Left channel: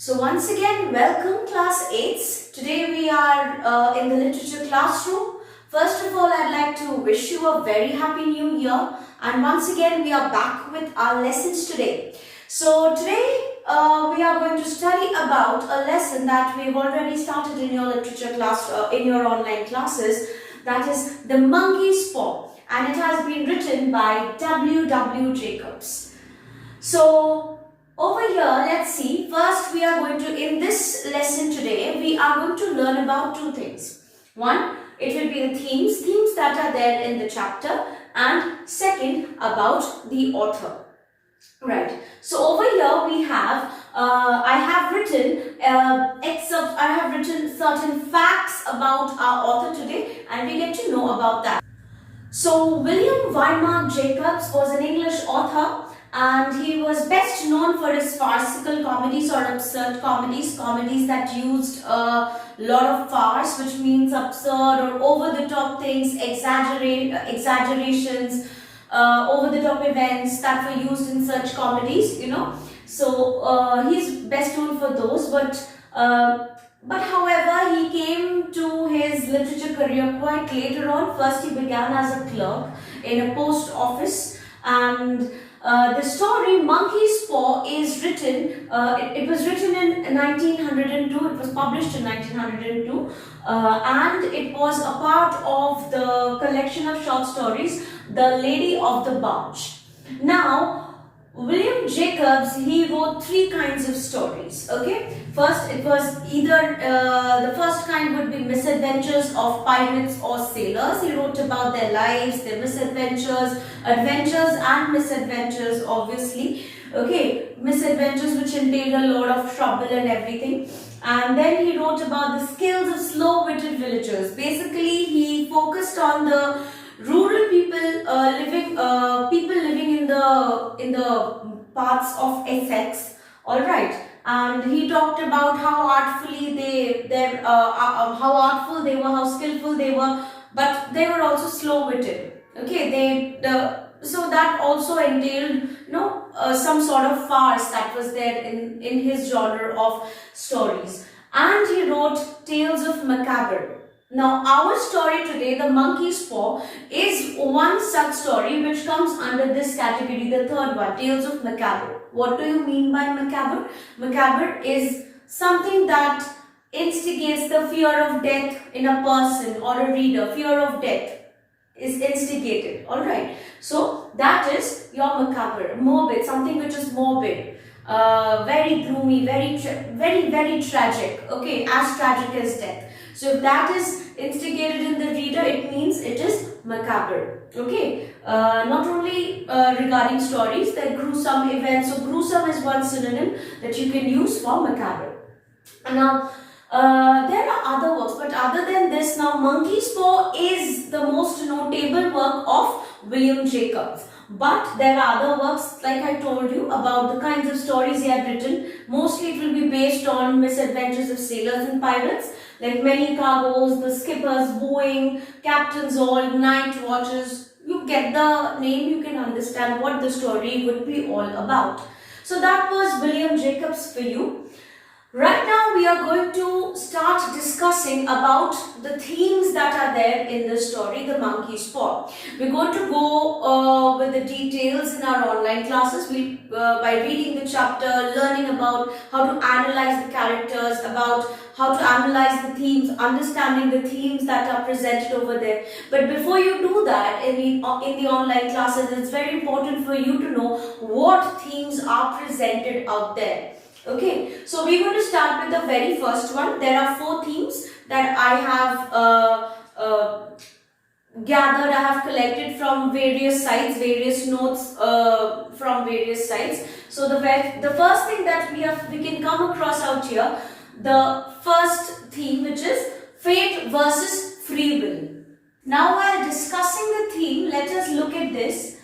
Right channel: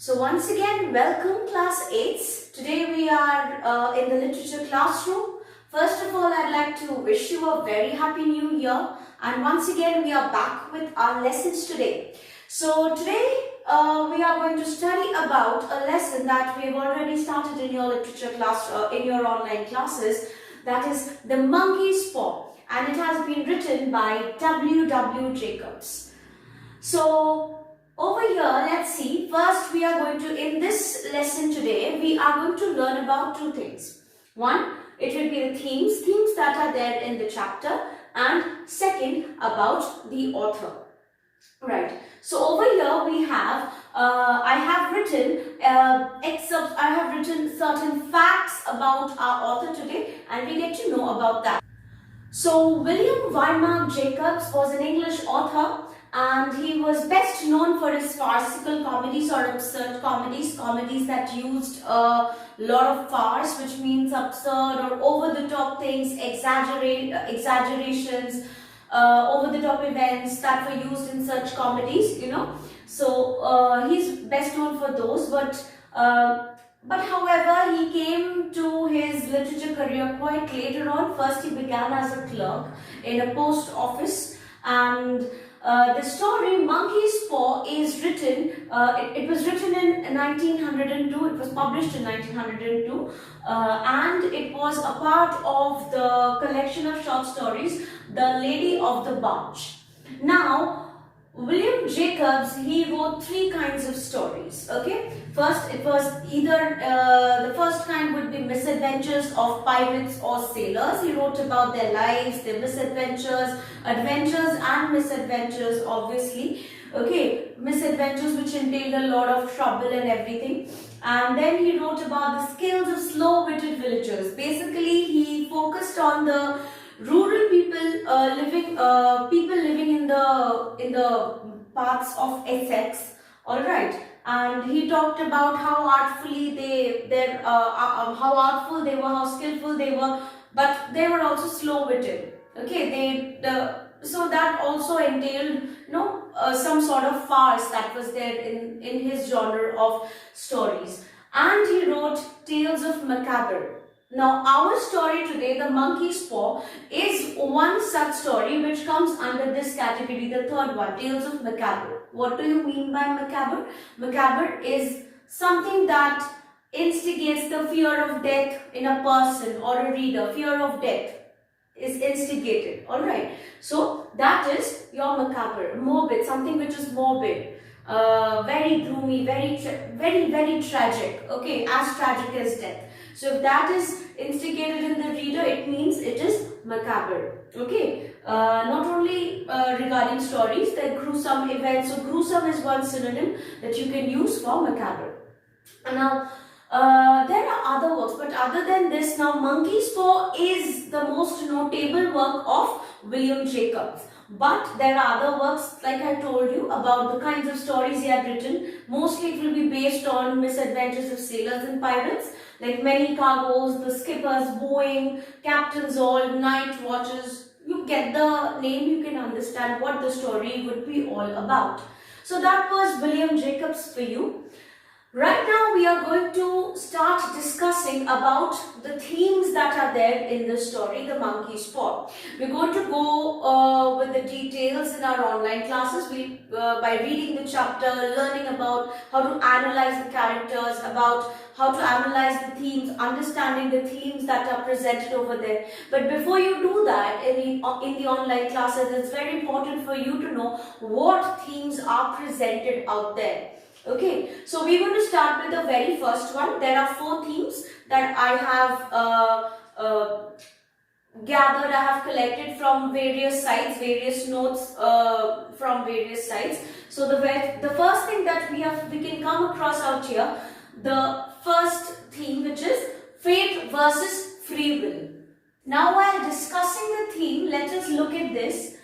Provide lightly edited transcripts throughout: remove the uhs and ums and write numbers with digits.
So once again, welcome class 8s. Today we are in the literature classroom. First of all, I'd like to wish you a very happy new year. And once again, we are back with our lessons today. So today we are going to study about a lesson that we've already started in your literature class, in your online classes. That is The Monkey's Paw. And it has been written by W. Jacobs. So over here, let's see. First, we are going to, in this lesson today, we are going to learn about two things. One, it will be the themes that are there in the chapter, and second, about the author. Right. So over here we have, I have written certain facts about our author today, and we get to know about that. So William Wynberg Jacobs was an English author, and he was best known for his farcical comedies or absurd comedies that used a lot of farce, which means absurd or over-the-top things, exaggerations, over-the-top events that were used in such comedies, So he's best known for those, but however, he came to his literature career quite later on. First, he began as a clerk in a post office, and the story Monkey's Paw is written, it was written in 1902, it was published in 1902, and it was a part of the collection of short stories, The Lady of the Barge. Now, William Jacobs, he wrote three kinds of stories, okay? First, it was either, the first kind would be misadventures of pirates or sailors. He wrote about their lives, their misadventures, adventures and misadventures, obviously. Okay, misadventures which entailed a lot of trouble and everything. And then he wrote about the skills of slow-witted villagers. Basically, he focused on the rural people living in the parts of Essex, all right, and he talked about how artful they were, how skillful they were, but they were also slow-witted. Okay, so that also entailed some sort of farce that was there in his genre of stories. And he wrote tales of macabre. Now, our story today, The Monkey's Paw, is one such story which comes under this category, the third one, Tales of Macabre. What do you mean by macabre? Macabre is something that instigates the fear of death in a person or a reader. Fear of death is instigated, alright. So, that is your macabre, morbid, something which is morbid. Very gloomy, very tragic, okay, as tragic as death. So if that is instigated in the reader, it means it is macabre. Okay. Not only regarding stories, there are gruesome events. So gruesome is one synonym that you can use for macabre. And now there are other works, but other than this, now Monkey's Paw is the most notable work of William Jacobs. But there are other works, like I told you, about the kinds of stories he had written. Mostly it will be based on misadventures of sailors and pirates, like Many Cargoes, The Skipper's Wooing, Captain's All, Night Watches. You get the name, you can understand what the story would be all about. So that was William Jacobs for you. Right now we are going to start discussing about the themes that are there in the story, The Monkey's Paw. We're going to go with the details in our online classes by reading the chapter, learning about how to analyze the characters, about how to analyze the themes, understanding the themes that are presented over there. But before you do that in the online classes, it's very important for you to know what themes are presented out there. Okay, so we're going to start with the very first one. There are 4 themes that I have gathered, I have collected from various sites, various notes from various sites. So the first thing that we can come across out here, the first theme, which is fate versus free will. Now, while discussing the theme, let us look at this.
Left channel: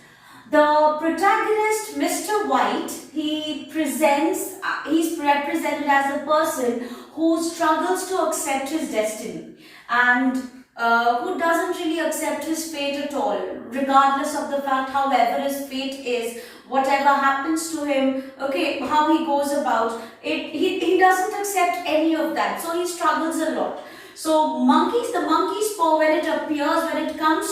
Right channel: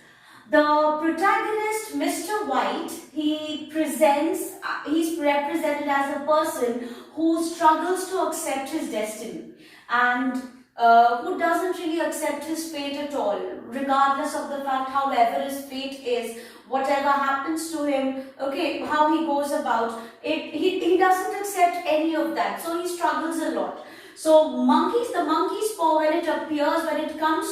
The protagonist, Mr. White, he's represented as a person who struggles to accept his destiny. And who doesn't really accept his fate at all, regardless of the fact, however his fate is, whatever happens to him, okay, how he goes about it, he doesn't accept any of that. So he struggles a lot. So the monkey's paw, when it appears, when it comes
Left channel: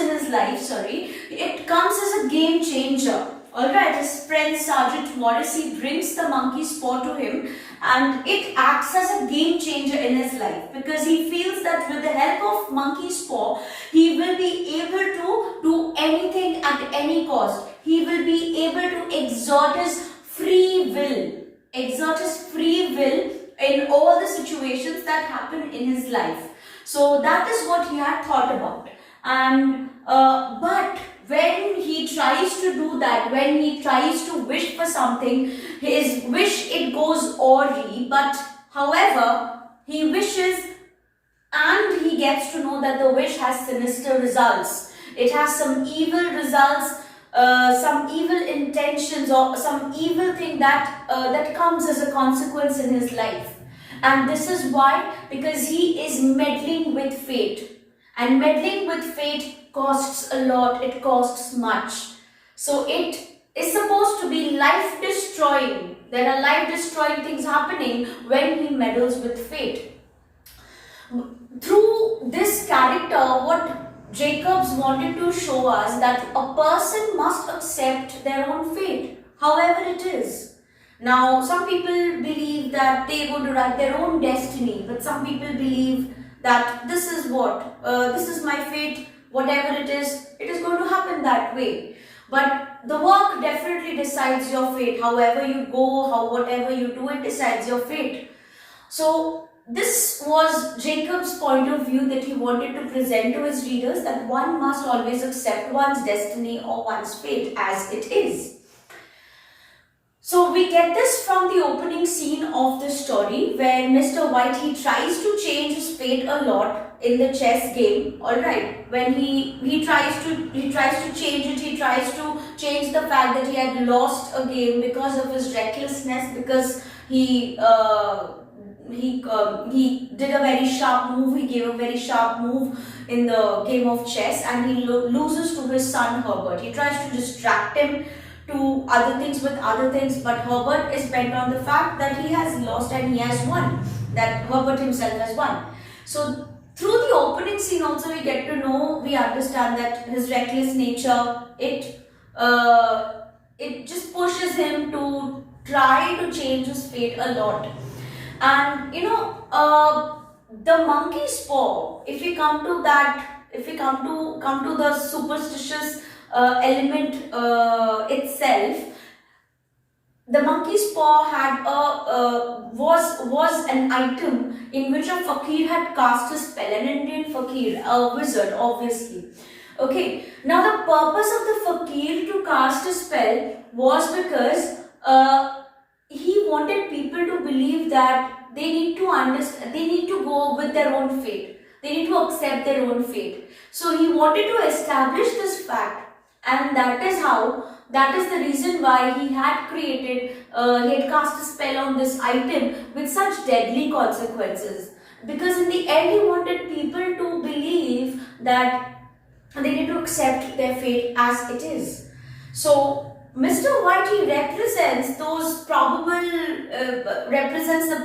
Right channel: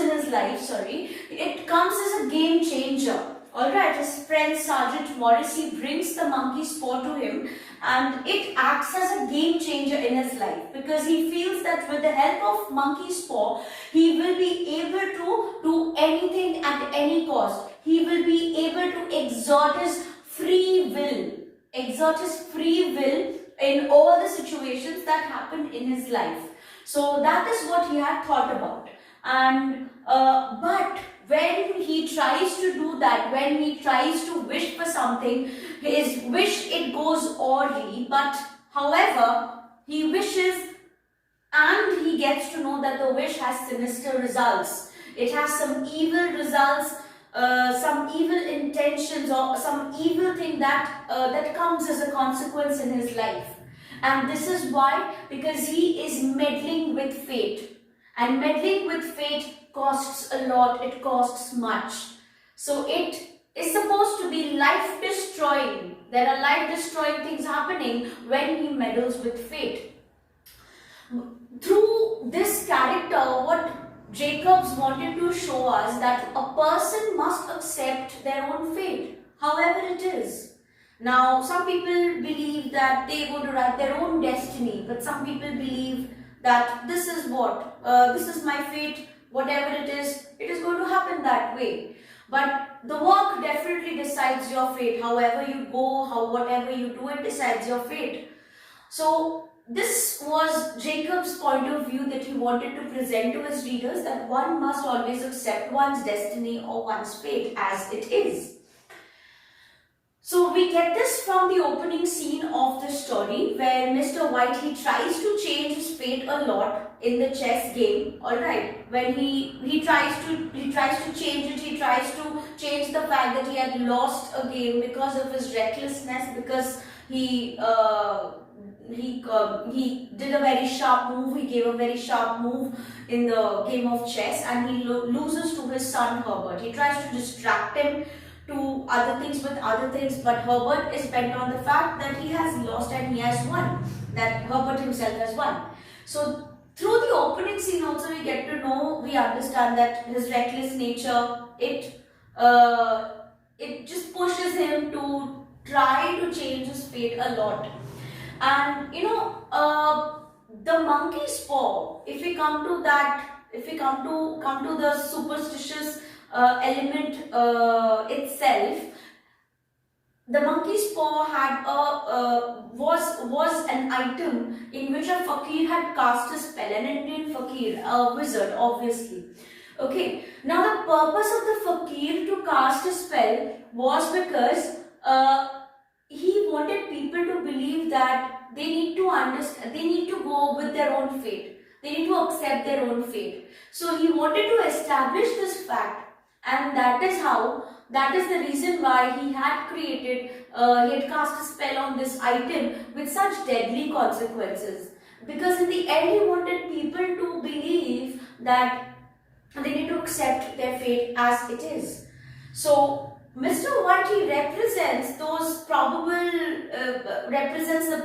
in his life, sorry, it comes as a game changer. Alright, his friend Sergeant Morrissey brings the monkey's paw to him, and it acts as a game changer in his life, because he feels that with the help of monkey's paw, he will be able to do anything at any cost. He will be able to exert his free will in all the situations that happen in his life. So that is what he had thought about. And but when he tries to do that, when he tries to wish for something, his wish, it goes awry. But however, he wishes and he gets to know that the wish has sinister results. It has some evil results, some evil intentions, or some evil thing that that comes as a consequence in his life. And this is why, because he is meddling with fate. And meddling with fate costs a lot, it costs much. So it is supposed to be life destroying. There are life destroying things happening when he meddles with fate. Through this character, what Jacobs wanted to show us, that a person must accept their own fate, however it is. Now, some people believe that they would write their own destiny, but some people believe that this is this is my fate, whatever it is going to happen that way. But the work definitely decides your fate. However you go, whatever you do, it decides your fate. So this was Jacob's point of view that he wanted to present to his readers, that one must always accept one's destiny or one's fate as it is. So we get this from the opening scene of the story, where Mr. White, he tries to change his fate a lot in the chess game. All right, when he tries to change it, he tries to change the fact that he had lost a game because of his recklessness, because he did a very sharp move. He gave a very sharp move in the game of chess, and he loses to his son Herbert. He tries to distract him to other things with other things, but Herbert is bent on the fact that he has lost and he has won, that Herbert himself has won. So through the opening scene also we understand that his reckless nature, it just pushes him to try to change his fate a lot. And the monkey's paw, if we come to the superstitious element itself, the monkey's paw had was an item in which a fakir had cast a spell, an Indian fakir, a wizard, obviously. Okay, now the purpose of the fakir to cast a spell was because he wanted people to believe that they need to go with their own fate. They need to accept their own fate. So he wanted to establish this fact. And that is the reason why he had cast a spell on this item with such deadly consequences. Because in the end, he wanted people to believe that they need to accept their fate as it is. So Mr. White, he represents the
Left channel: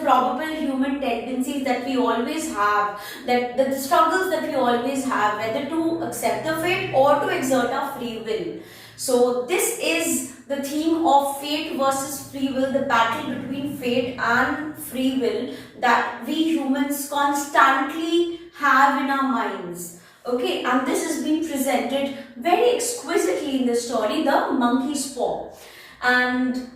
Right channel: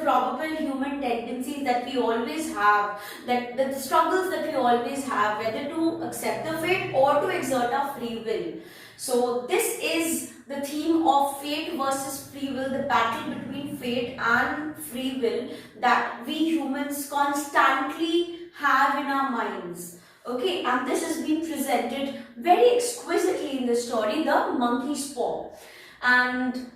probable human tendencies that we always have, that the struggles that we always have, whether to accept the fate or to exert our free will. So this is the theme of fate versus free will, the battle between fate and free will that we humans constantly have in our minds. Okay, and this has been presented very exquisitely in the story, The Monkey's Paw. And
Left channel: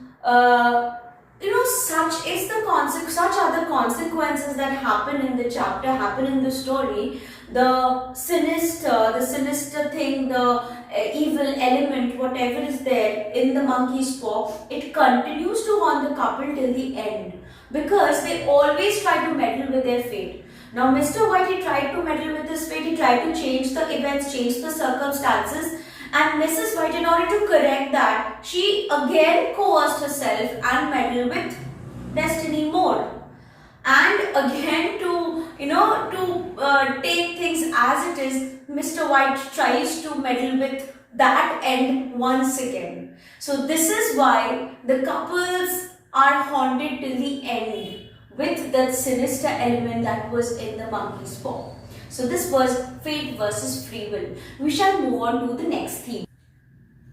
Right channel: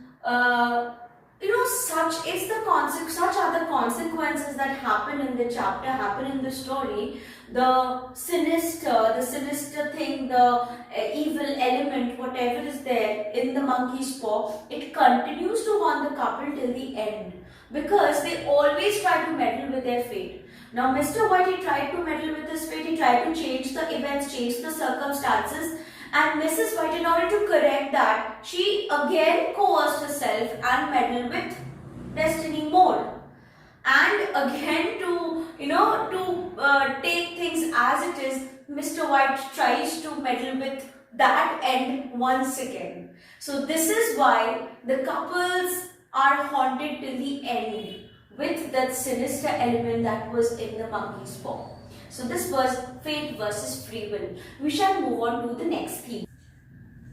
such are the consequences that happen in the chapter, happen in the story. The sinister thing, the evil element, whatever is there in the monkey's paw, it continues to haunt the couple till the end, because they always try to meddle with their fate. Now, Mr. White, he tried to meddle with his fate, he tried to change the events, change the circumstances, and Mrs. White, in order to correct that, she again coerced herself and meddled with destiny more. And again, to take things as it is, Mr. White tries to meddle with that end once again. So this is why the couples are haunted till the end with that sinister element that was in the monkey's paw. So this was fate versus free will. We shall move on to the next theme.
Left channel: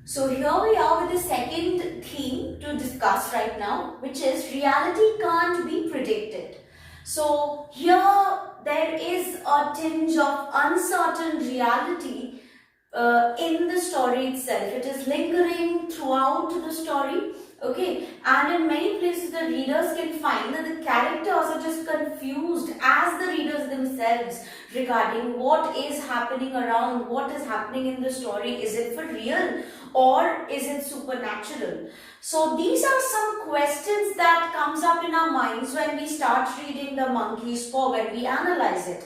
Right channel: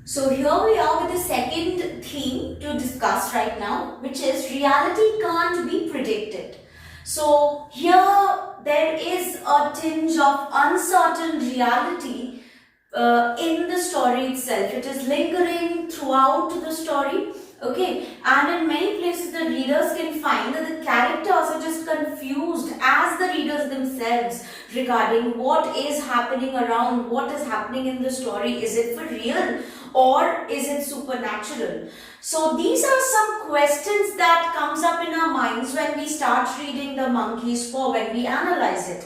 So here we are with the second theme to discuss right now, which is reality can't be predicted. So here there is a tinge of uncertain reality in the story itself. It is lingering throughout the story. Okay, and in many places the readers can find that the characters are just confused as the readers themselves regarding what is happening around, what is happening in the story. Is it for real or is it supernatural? So these are some questions that comes up in our minds when we start reading The Monkey's Paw, when we analyze it.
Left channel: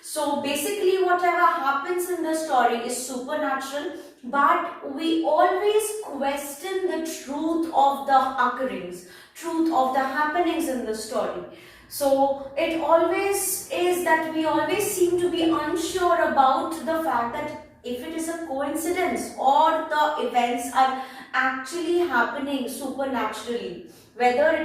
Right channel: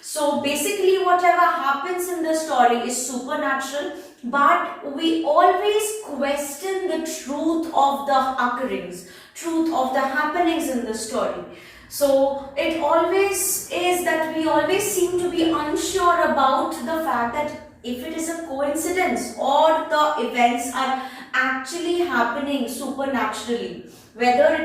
So basically whatever happens in the story is supernatural, but we always question the truth of the occurrence, truth of the happenings in the story. So it always is that we always seem to be unsure about the fact that if it is a coincidence or the events are actually happening supernaturally. Whether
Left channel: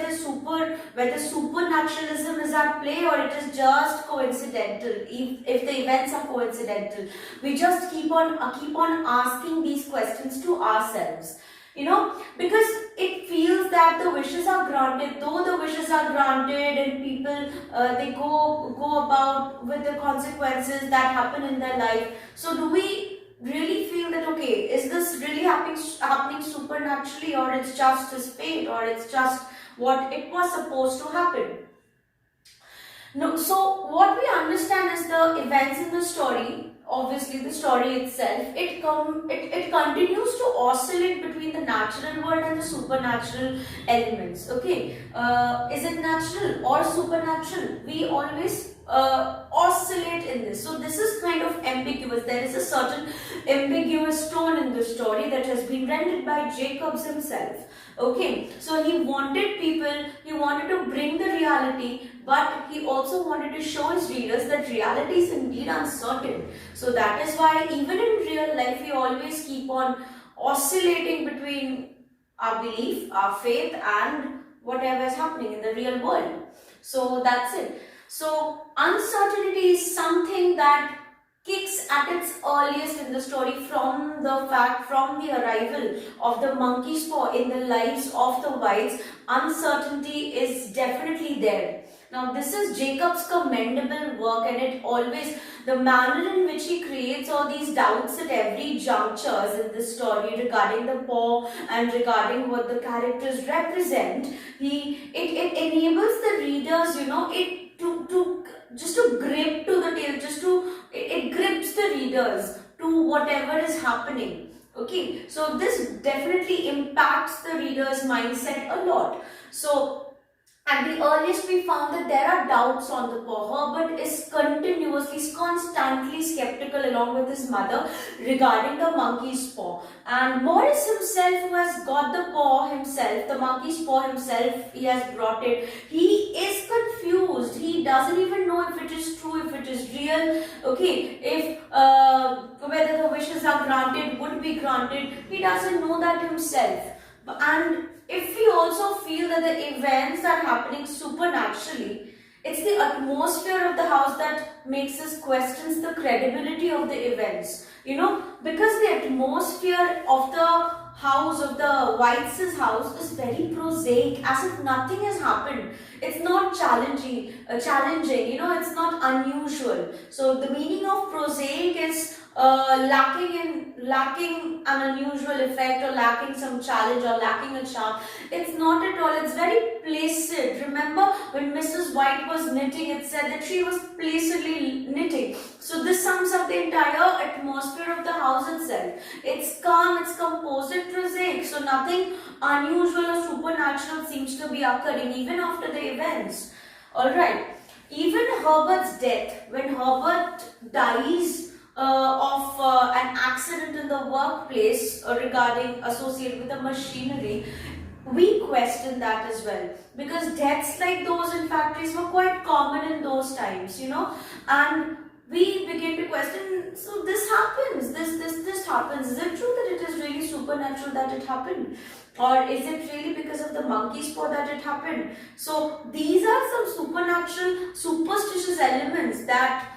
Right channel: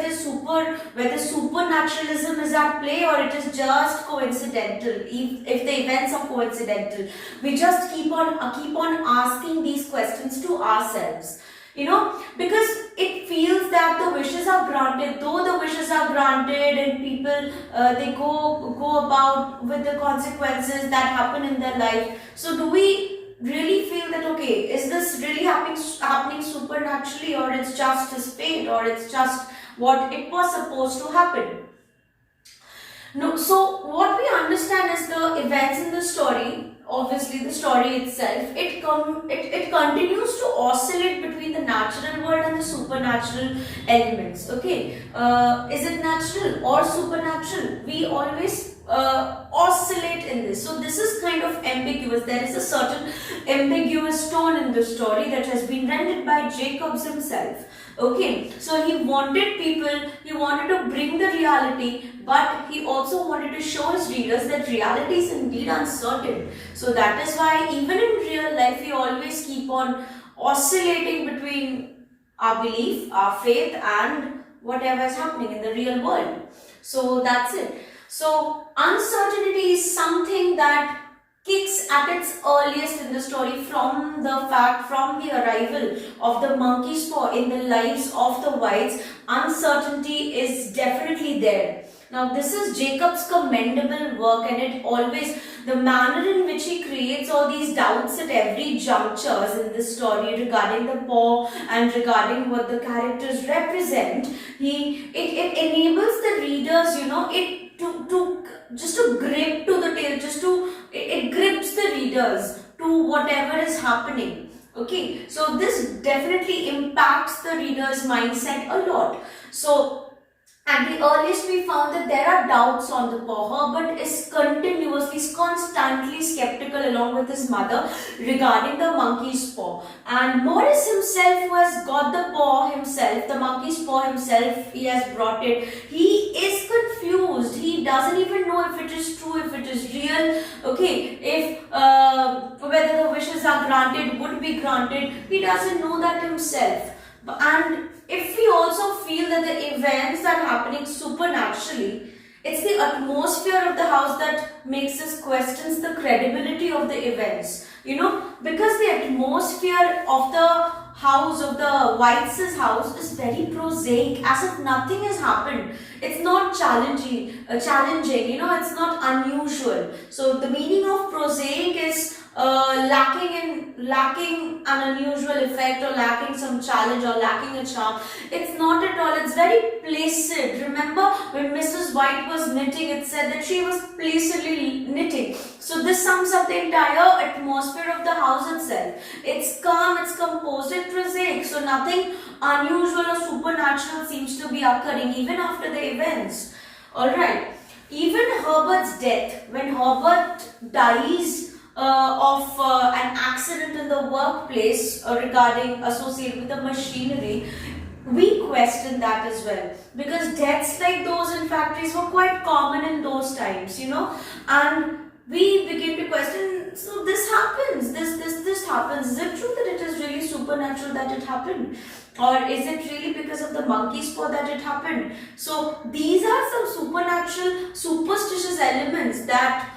supernaturalism is at play or it is just coincidental. If the events are coincidental, we just keep on asking these questions to ourselves. Because it feels that the wishes are granted, though the wishes are granted, and people they go about with the consequences that happen in their life. So do we really feel that, okay, is this really happening supernaturally, or it's just his fate, or it's just what it was supposed to happen? No, so what we understand is the events in the story, obviously the story itself, it continues to oscillate between the natural world and the supernatural elements. Okay, is it natural or supernatural? We always oscillate in this. So this is kind of ambiguous. There is a certain ambiguous tone in the story that has been rendered by Jacobs himself. Okay, so he wanted to bring the reality, but he also wanted to show his readers that reality is indeed uncertain. So that is why even in real life we always keep on oscillating between our belief, our faith, and whatever is happening in the real world. So that's it. So uncertainty is something that kicks at its earliest in the story from the arrival of the monkey's paw in the lives of the whites. Uncertainty is definitely there. Now this is Jacob's commendable work, and it always, the manner in which he creates all these doubts at every junctures in this story regarding the paw and regarding what the characters represent, it enables the readers, to grip to the tale, it grips the readers to whatever is happening. Okay, so this definitely impacts the reader's mindset a lot. So at the earliest, we found that there are doubts on the paw. Herbert is constantly skeptical along with his mother regarding the monkey's paw. And Morris himself, who has got the paw himself, the monkey's paw himself, he has brought it. He is confused. He doesn't even know if it is true, if it is real. Okay, if whether the wishes are granted, would be granted. He doesn't know that himself. And if we also feel that the events are happening supernaturally, it's the atmosphere of the house that makes us question the credibility of the events. Because the atmosphere of the house, of the Whites' house, is very prosaic, as if nothing has happened. It's not challenging, it's not unusual. So the meaning of prosaic is lacking an unusual effect, or lacking some challenge, or lacking a charm. It's not at all. It's very placid. Remember when Mrs. White was knitting, it said that she was placidly knitting. So this sums up the entire atmosphere of the house itself. It's calm, it's composed, it's prosaic. So nothing unusual or supernatural seems to be occurring even after the events. Alright. Even Herbert's death, when Herbert dies of an accident in the workplace associated with the machinery, we question that as well, because deaths like those in factories were quite common in those times, and we begin to question, so this happens, this happens. Is it true that it is really supernatural that it happened? Or is it really because of the monkey's paw that it happened? So these are some supernatural, superstitious elements that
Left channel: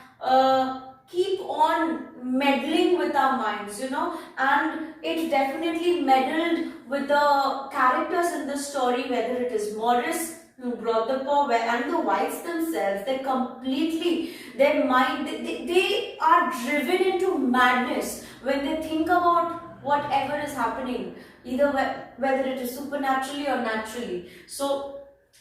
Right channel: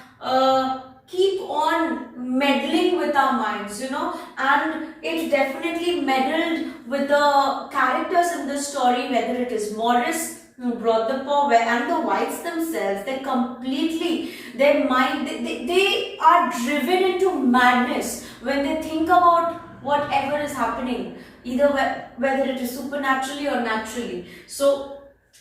keep on meddling with our minds, and it definitely meddled with the characters in the story, whether it is Morris who brought the paw, and the whites themselves. They completely, their mind, they are driven into madness when they think about whatever is happening, either whether it is supernaturally or naturally. So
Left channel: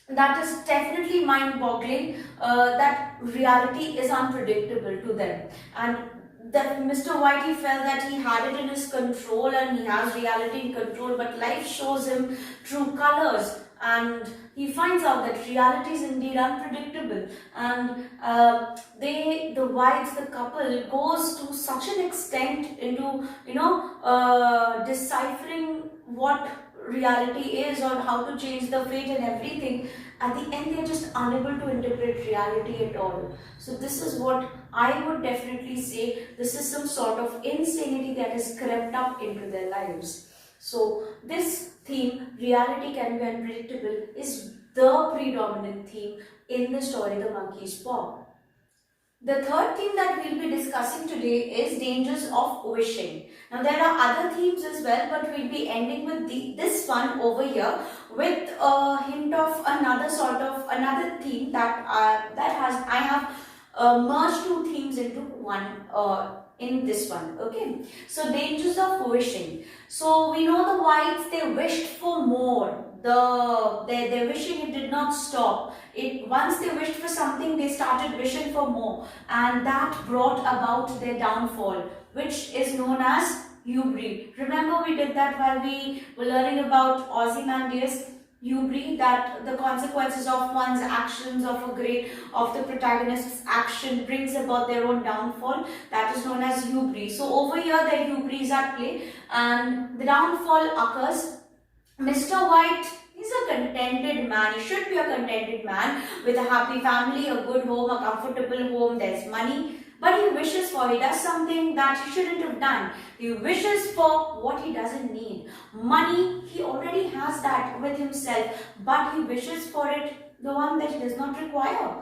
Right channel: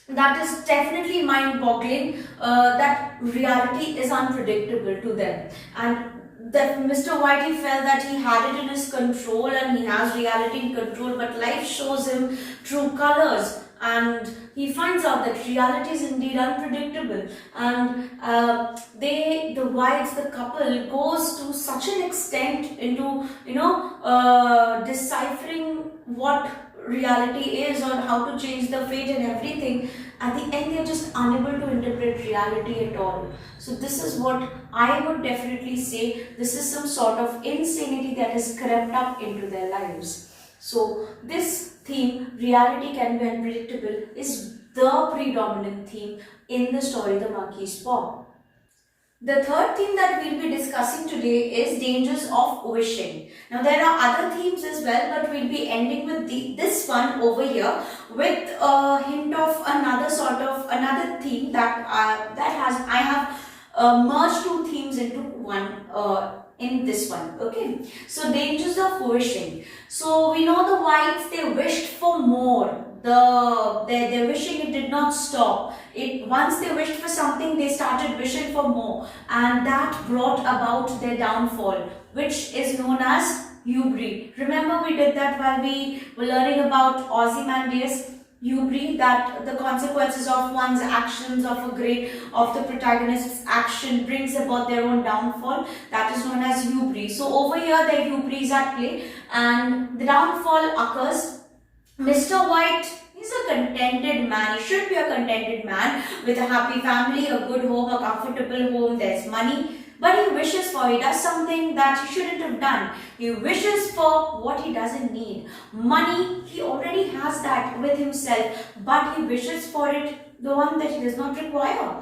that is definitely mind-boggling, that reality is unpredictable to them, and that Mr. Whitey felt that he had it in his control and he has reality in control, but life shows him true colors, and he finds out that reality is indeed unpredictable. And the whites, the couple, goes to such an extent into deciphering what reality is or how to change the fate and everything. At the end, they're just unable to interpret reality at all. So this is what I would definitely say. This is some sort of insanity that has crept up into their lives. So this theme, reality can be unpredictable, is the predominant theme in the story The Monkey's Paw. The third theme that we'll be discussing today is dangers of wishing. Now there are other themes as well, but we'll be ending with this one over here with a hint of another theme that I have merged two themes into one in this one. Okay, so dangers of wishing. So we know the whites, they wished for more. Their wishing, it did not stop. Once they wished for something, they started wishing for more, and that brought about their downfall, which is known as hubris. Remember, we did that while we were learning about Ozymandias. Hubris, that the consequences of one's actions, of the protagonist's action, brings about their own downfall. That is known as hubris. So over here, the hubris at play, and the downfall occurs. Mr. White, he's a contented man. He should be a contented man with a happy family, a good home, a comfortable home. There's money. But he wishes for, he does something that he shouldn't have done. He wishes for what he doesn't need. Money, he already has that with himself, but he wishes for it, the one that he does not require.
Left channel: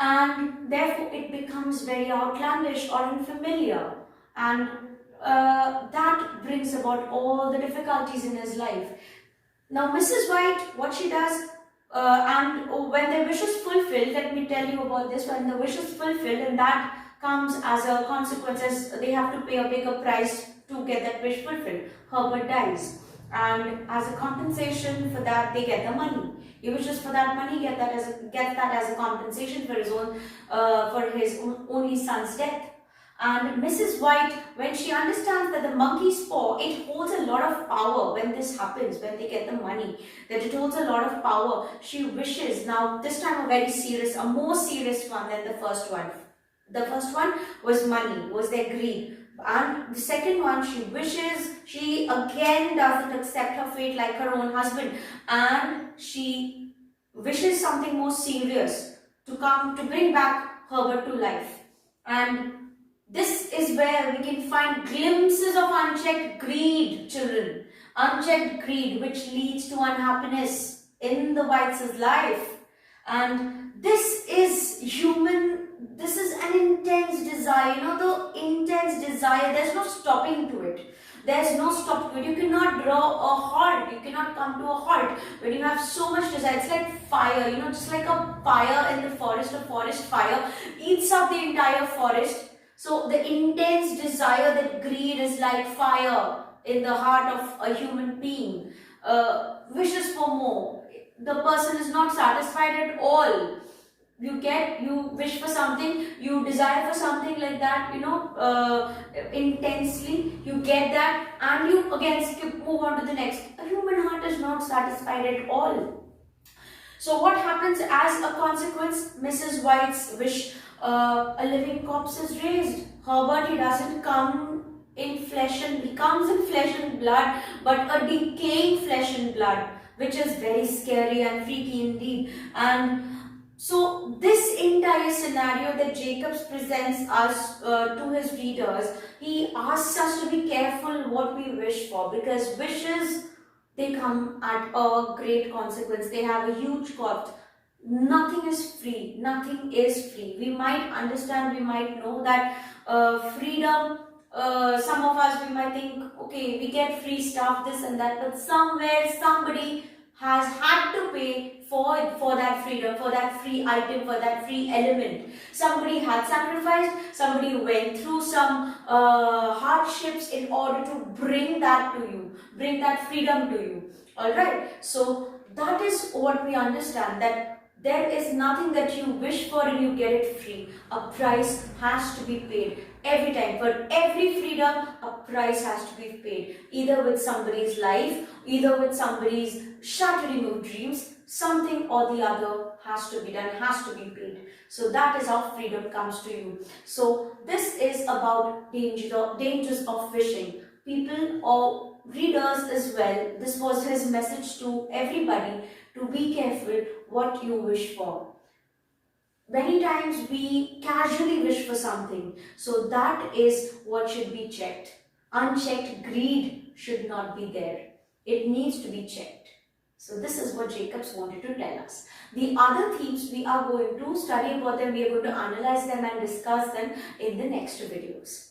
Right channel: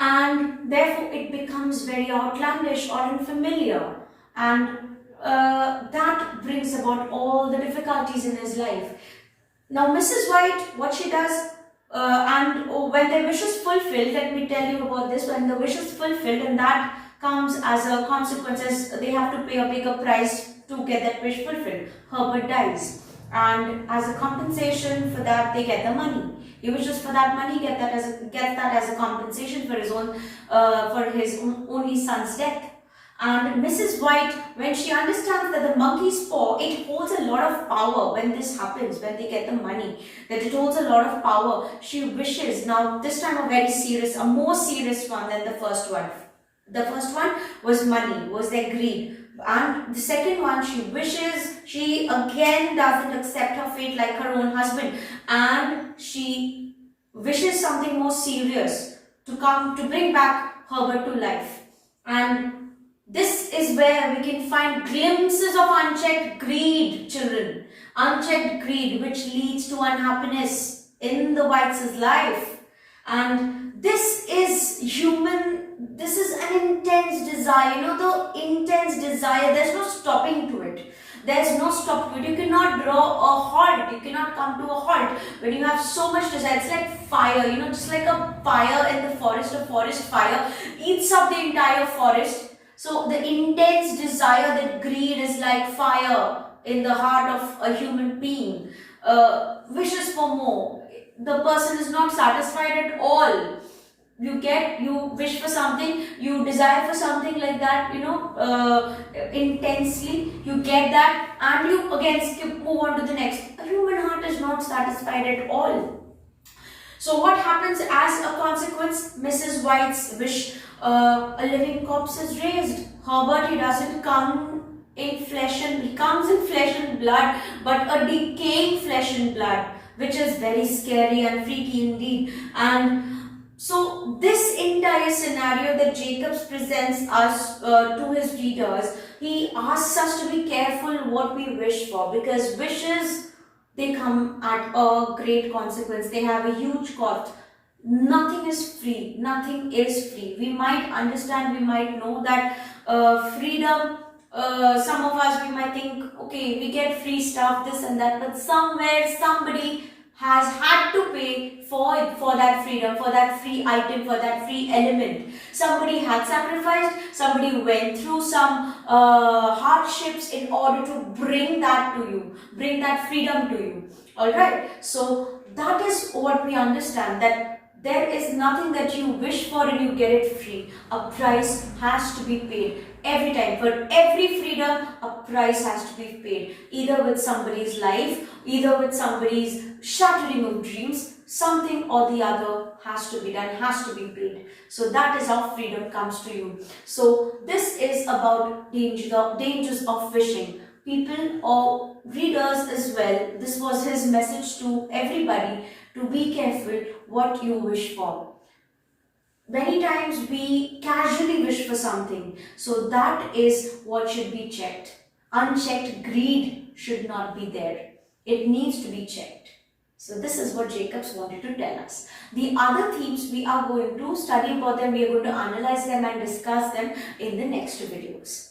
And therefore, it becomes very outlandish or unfamiliar. And that brings about all the difficulties in his life. Now, Mrs. White, what she does, and when their wish is fulfilled, let me tell you about this, when the wish is fulfilled, and that comes as a consequence, as they have to pay a bigger price to get that wish fulfilled. Herbert dies, and as a compensation for that, they get the money. He wishes for that money, gets that as a compensation for his only son's death. And Mrs. White, when she understands that the monkey's paw, it holds a lot of power when this happens, when they get the money, that it holds a lot of power, she wishes, now this time a more serious one than the first one. The first one was money, was their greed. And the second one, she wishes, she again doesn't accept her fate like her own husband, and she wishes something more serious to bring back Herbert to life. And this is where we can find glimpses of unchecked greed, children. Unchecked greed, which leads to unhappiness in the Whites' life. And this is an intense desire, the intense desire, there's no stopping to it. There's no stop to it. You cannot draw a halt. You cannot come to a halt when you have so much desire. It's like fire, just like a fire in the forest, a forest fire eats up the entire forest. So the intense desire, that greed is like fire in the heart of a human being. Wishes for more. The person is not satisfied at all. You wish for something, you desire for something like that, intensely. You get that, and you again move on to the next. A human heart is not satisfied at all. So what happens as a consequence? Mrs. White's wish, a living corpse is raised. Herbert, he doesn't he comes in flesh and blood, but a decaying flesh and blood. which is very scary and freaky indeed. And so this entire scenario that Jacobs presents us to his readers, he asks us to be careful what we wish for, because wishes, they come at a great consequence. They have a huge cost. Nothing is free. Nothing is free. We might understand, we might know that freedom, some of us, we might think, okay, we get free stuff, this and that, but somewhere somebody has had to pay for that freedom, for that free item, for that free element. Somebody had sacrificed, somebody went through some hardships in order to bring that to you, bring that freedom to you. Alright, so that is what we understand, that there is nothing that you wish for and you get it free. A price has to be paid. Every time, for every freedom, a price has to be paid. Either with somebody's life, either with somebody's shattering of dreams, something or the other has to be done, has to be paid. So that is how freedom comes to you. So this is about dangers of wishing. People or readers as well, this was his message to everybody, to be careful what you wish for. Many times we casually wish for something, so that is what should be checked. Unchecked greed should not be there. It needs to be checked. So this is what Jacobs wanted to tell us. The other themes we are going to study about them, we are going to analyze them and discuss them in the next videos.